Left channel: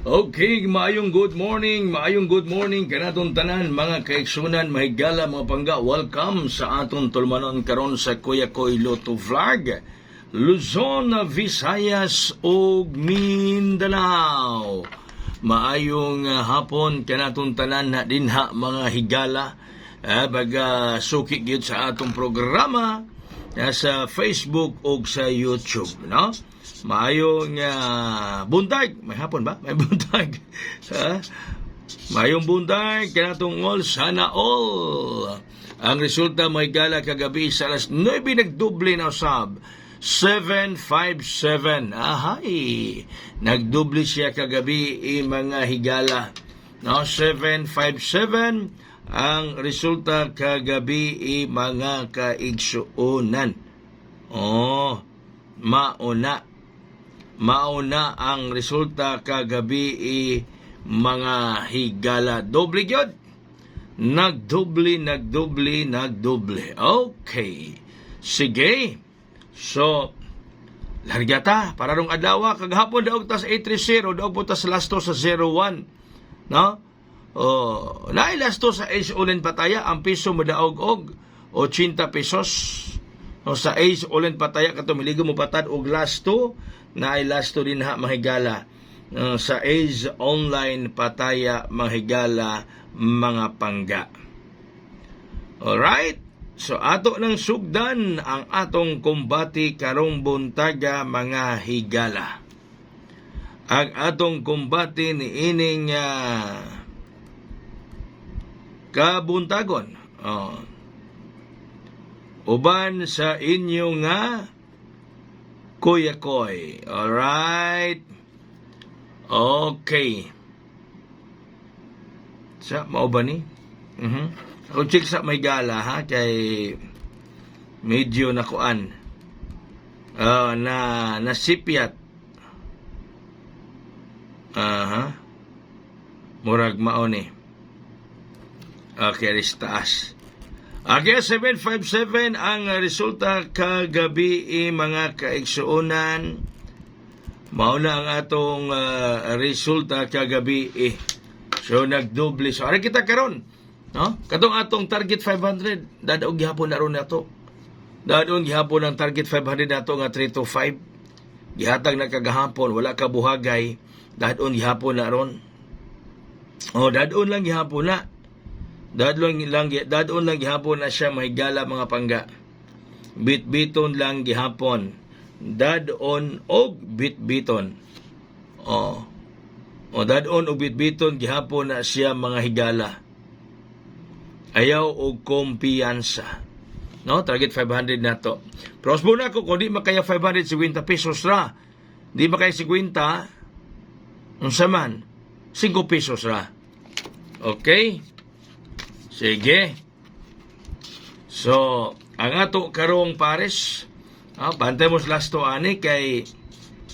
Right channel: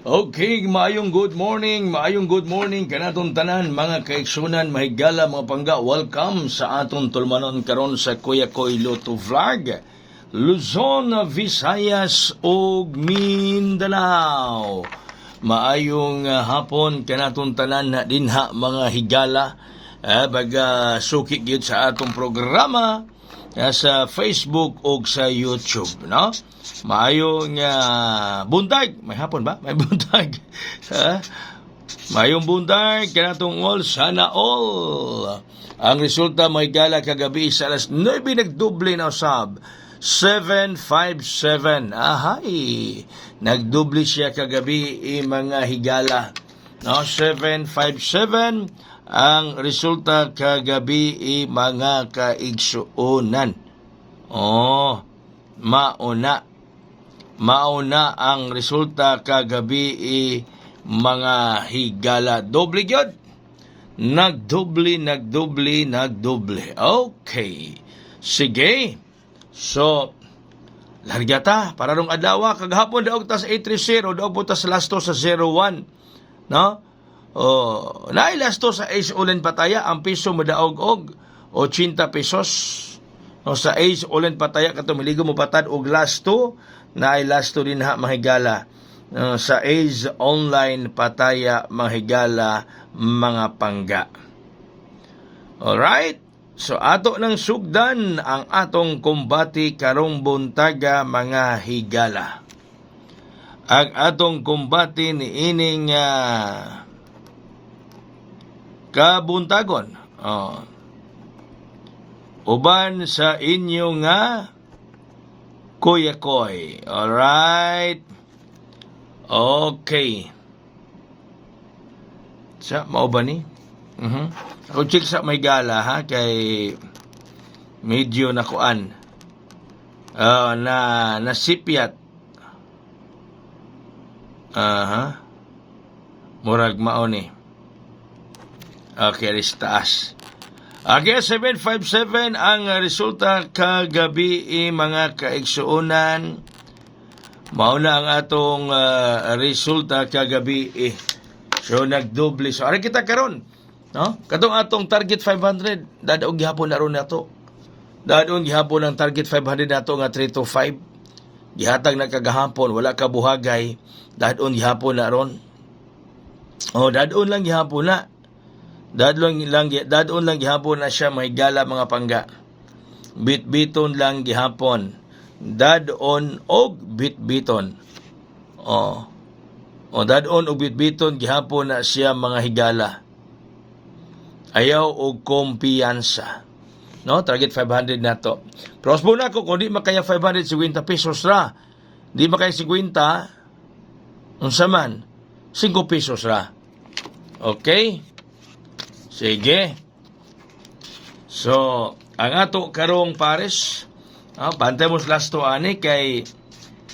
Okay, maayong good morning kanatong tanan mga kaigsunan, mahigala mga pangga. Welcome sa aton tulmanon karon sa Kuya Koy Loto Vlog, Luzon, Visayas ug Mindanao. Maayong hapon kanatong tanan na dinha mga higala. Baga suki gyud sa atong programa sa Facebook o sa YouTube, no? Maayong buntag, may hapon ba? May buntag. Maayong buntag kanatong all, sana all. Ang resulta may gala kagabi sa alas 9 nagdoble na usab. 757. Ahay. Nagdoble siya kagabi mga higala. No, 757 ang resulta kagabi mga kaigsuonan. Oh, mauna ang resulta kagabi mga higala. Doble gyud. Nagdoble. Okay. Sige. So, largata para rong adlaw kagahapon daog tas 830 daog po tas lasto sa 01. No? Nailasto sa Ace Ulen Pataya ang piso modaog og 80 pesos. No, sa Ace Ulen Pataya kato miligo mo patad og lasto, nailasto din ha mahigala. Sa Ace Online Pataya mahigala mga pangga. Alright? So ato nang sugdan ang atong kumbati karong buntaga mga higala. Ang atong kumbati ni ining kabuntagon. Uban sa inyo nga Kuya Koy. Alright. Okay. Sa mao ba ni? Ako check sa may gala ha kay medyo nakuan. Na nasipyat. Murag mao ni. Okay, taas. Okay, 757 ang resulta kagabi mga kaigsuonan. Mauna ang atong resulta kagabi So nagdoble. So ari kita karon, no? Kadtong atong target 500, dadaog gihapon na ron nato. Dadaog gihapon ang target 500 nato nga 325. Gihatag na kagahapon, wala ka buhagay. Dadaog gihapon na ron. Dadaog lang gihapon na. Dadon lang gihapon na siya mahigala mga pangga. Bitbiton lang gihapon. Dadon og bitbiton. Dadon og bitbiton gihapon na siya mga higala. Ayaw og kumpiyansa. No, target 500 na to. Prospo na ko kung di makaya 550 pesos ra. Di makaya 50 unsa man 5 pesos ra. Okay? Sige. So, ang ato karong pares, bantay mo lasto ani kay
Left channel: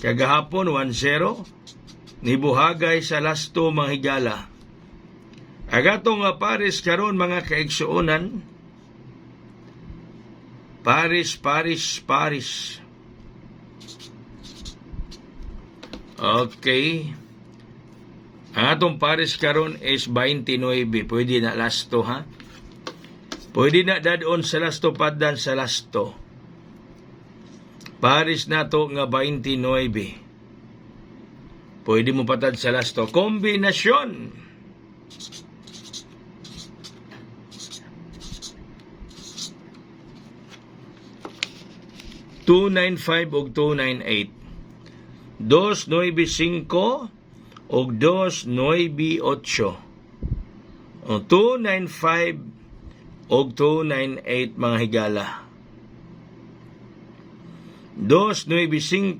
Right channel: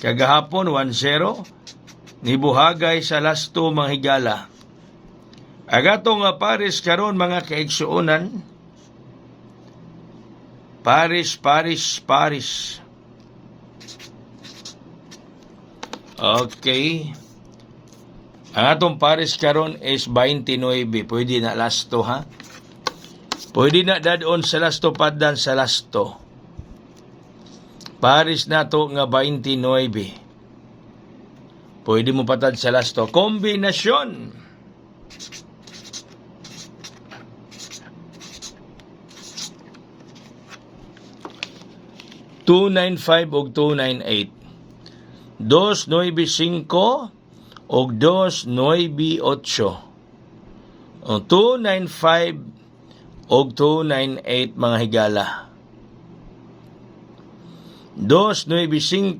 kagahapon 1-0 nibuhagay sa lasto mga higala. Ang atong pares karon mga kaigsuonan, pares. Okay. Ang atong pares karon is 29. Pwede na lasto ha. Pwede na dadon sa lasto padan sa lasto. Pares na to nga 29. Pwede mo patad sa lasto. Kombinasyon. $295 og 298. 295 og 298. 295 og 298 mga higala. 295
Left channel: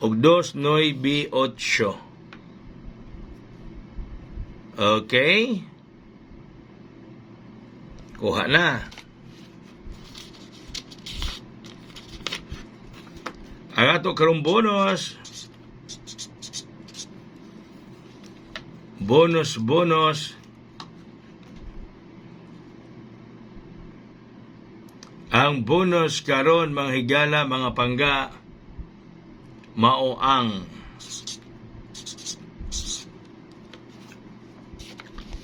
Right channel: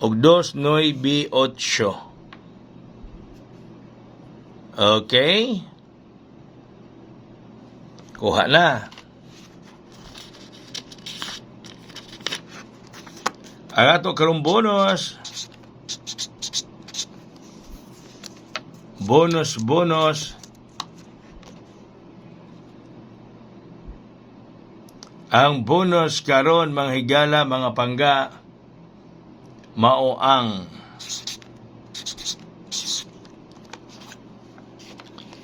og 298. Okay? Kuha na. Ang ato karong bonus. Bonus. Ang bonus karon mga higala mga pangga mao ang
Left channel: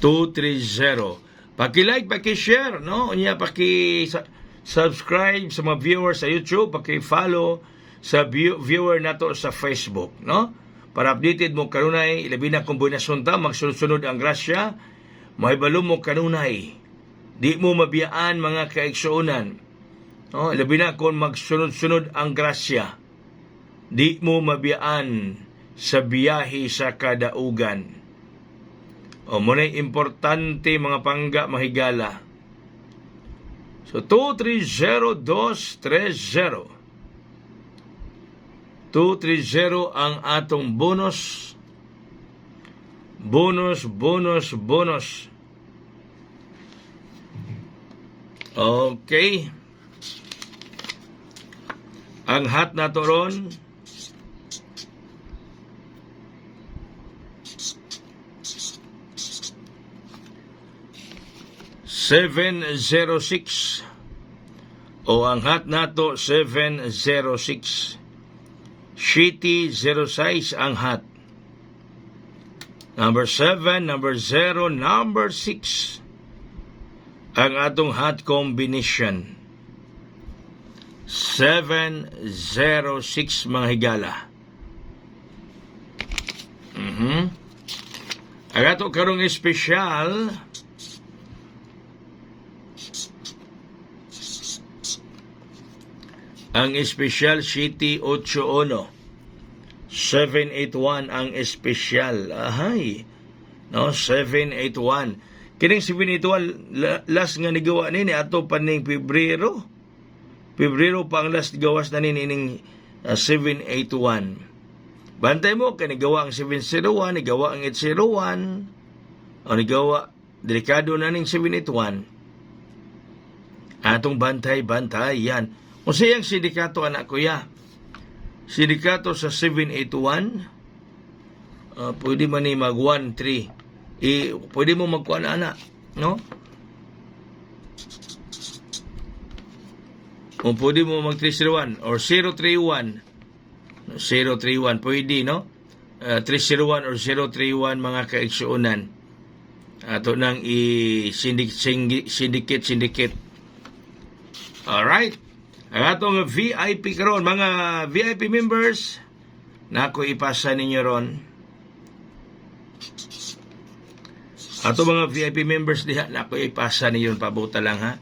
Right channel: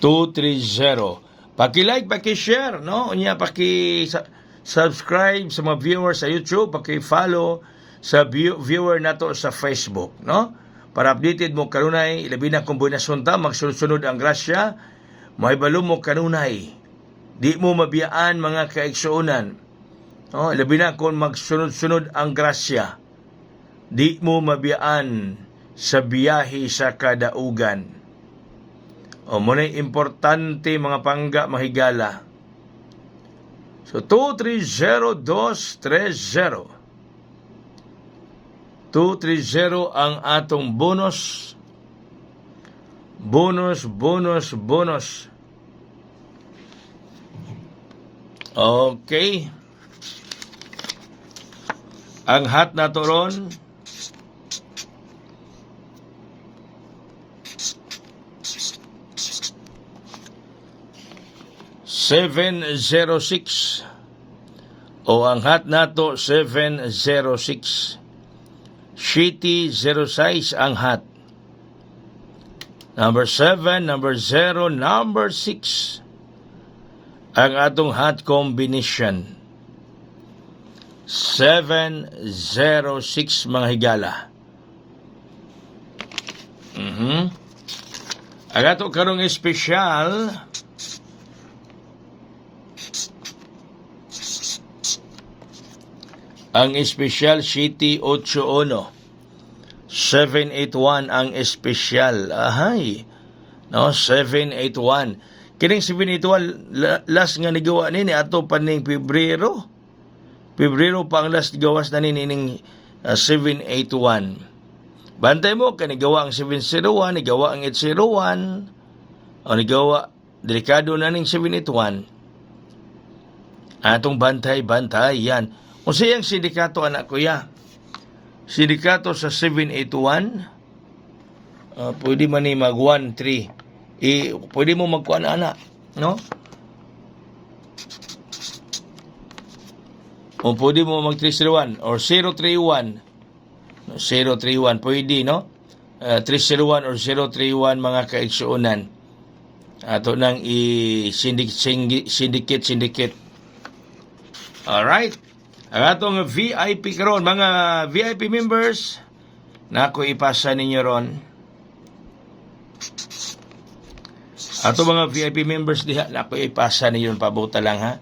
230. Paki-like, paki-share, no? Unya paki-subscribe sa mga viewers sa YouTube, paki-follow sa viewer nato sa Facebook, no? Para updated mo kanunay, labi na kung buwinasun ta, magsunod-sunod ang grasya, mahibalo mo kanunay. Di mo mabiyaan mga kaigsuunan. No? Labi na kung magsunod-sunod ang grasya. Di mo mabiyaan sa biyahe sa kadaugan. O muna'y importante mga pangga mahigala. So 230-230. 230 ang atong bonus. Bonus. Okay. Ang hat na to ron, $706. O ang hat nato 706. Shitty 06 ang hat. Number 7, number 0, number 6 ang atong hat combination. 706 mga higala. Ang ato karong espesyal, ang espesyal City 81. 781 ang espesyal. Ahay. No, 781. Kining 781 last nga nigawa nini ato pa ning Pebrero. Pebrero pa ang last gawas na nini ning 781. Bantay mo kanigawa ang 701, nigawa ang 801. O nigawa delikado na ning 781. Atong bantay yan. O siyang sindikato anak kuya. Sindikato sa 781. Pwede man ni mag 1-3. Pwede mo magkuan anak, no? O pwede mo mag 301 or 031. 031 pwede, no? 301 or 031 mga kaigsuunan. Ato nang syndicate. Alright. Ang atong VIP karon, mga VIP members, nako ipasa ninyo ron. Ato mga VIP members diha, nako ipasa ninyo pabuta lang ha.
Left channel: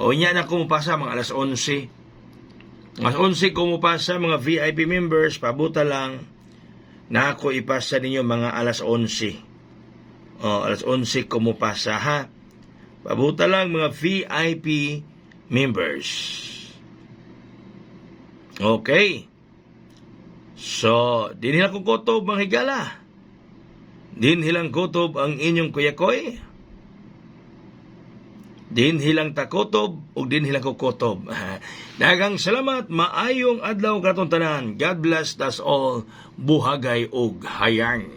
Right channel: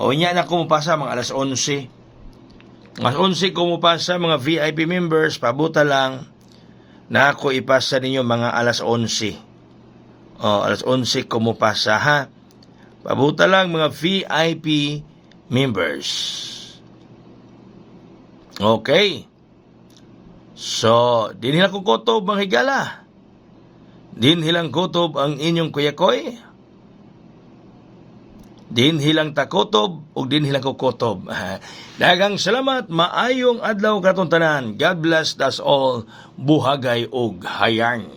O nya na kumupasa mga alas 11. Alas 11 kumupasa mga VIP members, pabuta lang. Nako ipasa ninyo mga alas 11. O alas 11 kumupasa ha. Pabuta lang mga VIP members. Okay. So, din hilang kukotob mga higala. Din hilang kutob ang inyong kuyakoy. Din hilang takotob o din hilang kukotob. Dagang salamat, maayong adlaw katong tanan. God bless us all. Buhagay og hayang.